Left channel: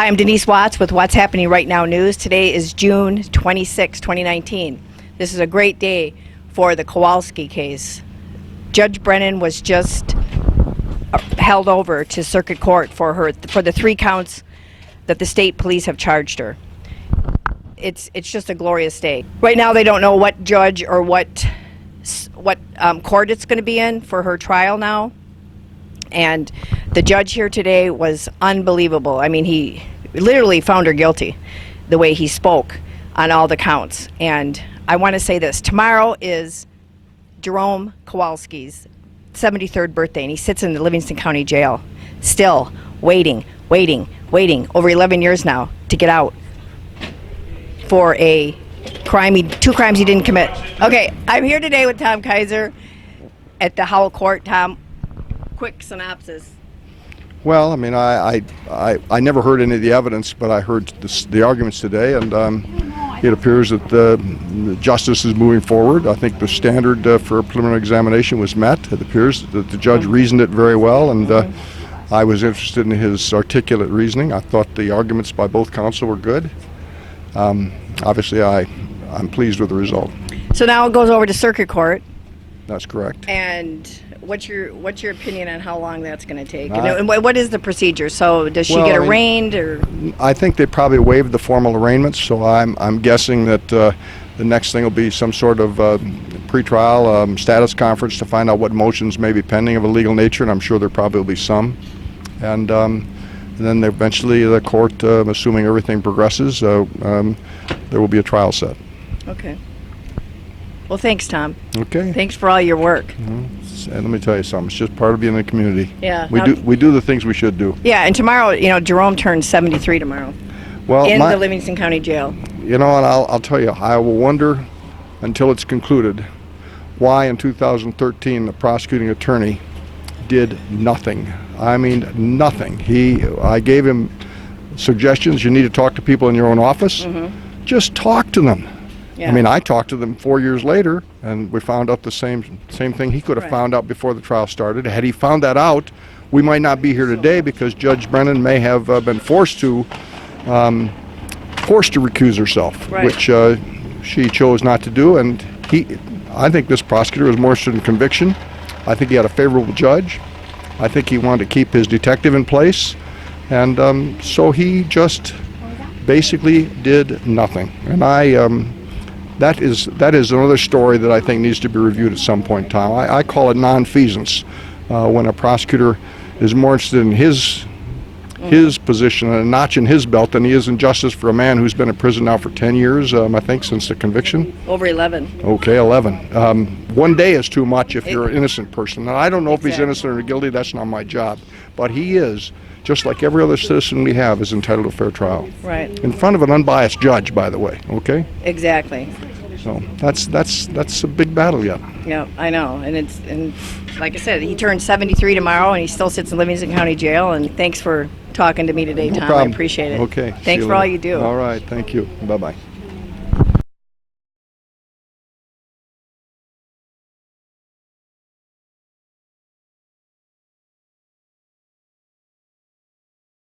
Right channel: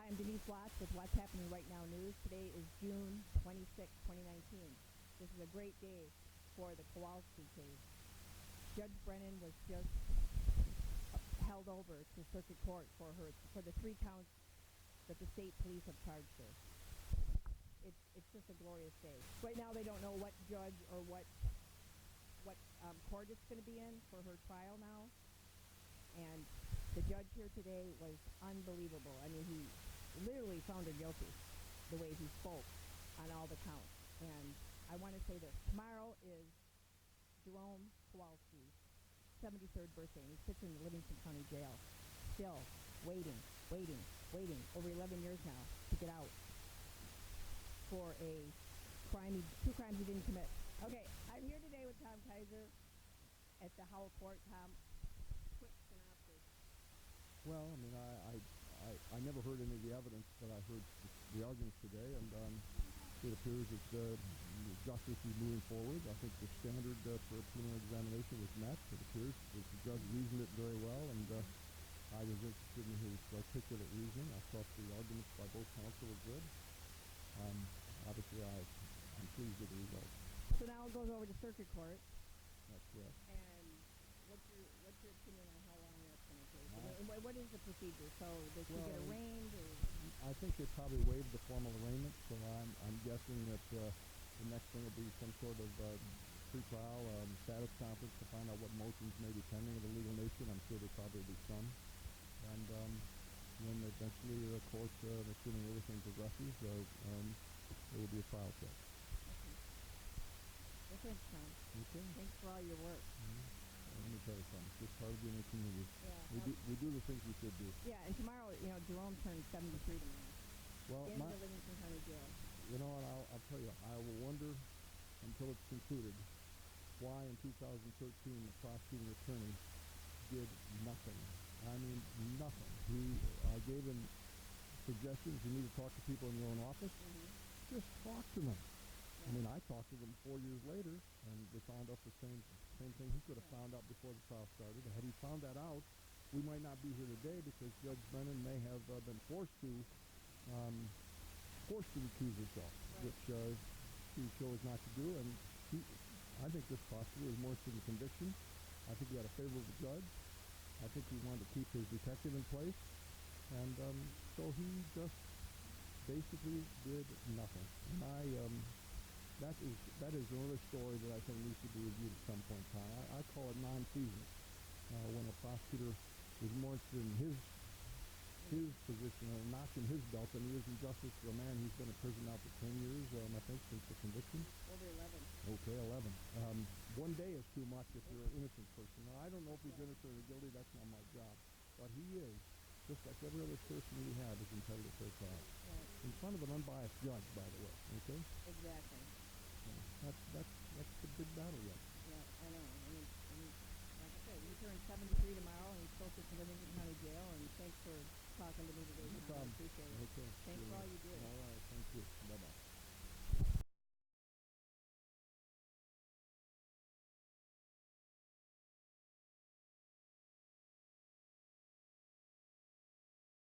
Hi, I'm Denise Watts with What's Happening Right Now News. Today is June 26, 2019. This is a great day for the Kowalski case. Judge Brennan was just held over to circuit court for the 3 counts that the state police have charged her. It's just a glorious day. Right now they don't know what judge or what court it's going to be in for her trial now. And the judge here today was unbelievable. I mean, he literally found her guilty the way he spoke on all the counts. And I want to say this. Tomorrow is Jerome Kowalski's 73rd birthday, and he sits in the Livingston County Jail, still waiting, over 11 years now to get out for a crime, 2 crimes he didn't commit. Okay, I'm here today with Tom Kaiser at the Howell Court. Tom, quick synopsis. Well, I mean, I never heard any of the evidence, but I heard the arguments today, and it appears that the justice is moving forward. I think the standard for a preliminary examination was met. It appears that the judge reasoned it very well, and I was interested in his articulate reasoning. I thought the arguments by both counsel were good. Obviously, I'm pleased with the result. So now it goes over to circuit court. That's correct. And what's your opinion on how long that's going to take? And what is the procedure? So does she get arraigned, or? I think they probably waived the formal arraignments, so I'm guessing that the next thing will be some sort of pretrial status conference to find out what motions may be pending of a legal nature, and I'm sure there probably will be some. And then eventually the court, assuming everything progresses, there will be a trial set. Okay. Well, thanks, Tom. Okay. Thanks for all your work. Mm-hmm. And let me tell you something. It's just part of being in the community. Yeah. We do the things we should do. Yeah, and tomorrow, Jerome turns 73 tomorrow. Well, in the Livingston County Jail. And I'll tell you, I will wonder until it's concluded why in 2013 the prosecuting attorney did nothing. I mean, nothing. I gave him suggestions. You need to talk to people in your own office. Mm-hmm. Just talk to them. Yeah. I mean, I talked to them 4 years later, and we found out the same thing he could have found out before the trial started. Had he found that out, we might not be here today, because Judge Brennan may have been forced to recuse herself, right, which she chose not to do. And I think this prosecutor was more interested in conviction. I think he had a favorable judge. I think he wanted to keep his detective in place, and so he just basically did nothing. And that is another story that I think needs to be reviewed at some point in time. I call it nonfeasance, when a prosecutor is more interested in his position and a notch in his belt than he is in justice for a man who's been in prison now for 10 years, I think, since the conviction. Over 11. Okay, 11. 1 day is too much if you're an innocent person. Now, I don't know if he's innocent or guilty. That's not my job. But he is, just like every other citizen we have, is entitled to a fair trial. Right. In front of an unbiased judge, by the way, okay? Exactly. So that's a big battle yet. Yeah, I know. And like I said, he turns 73 tomorrow, and he still sits in Livingston County Jail. And thanks for talking to me today, Tom. No problem. I appreciate it. Okay. Thanks for all you do. All right. Thank you. Bye-bye.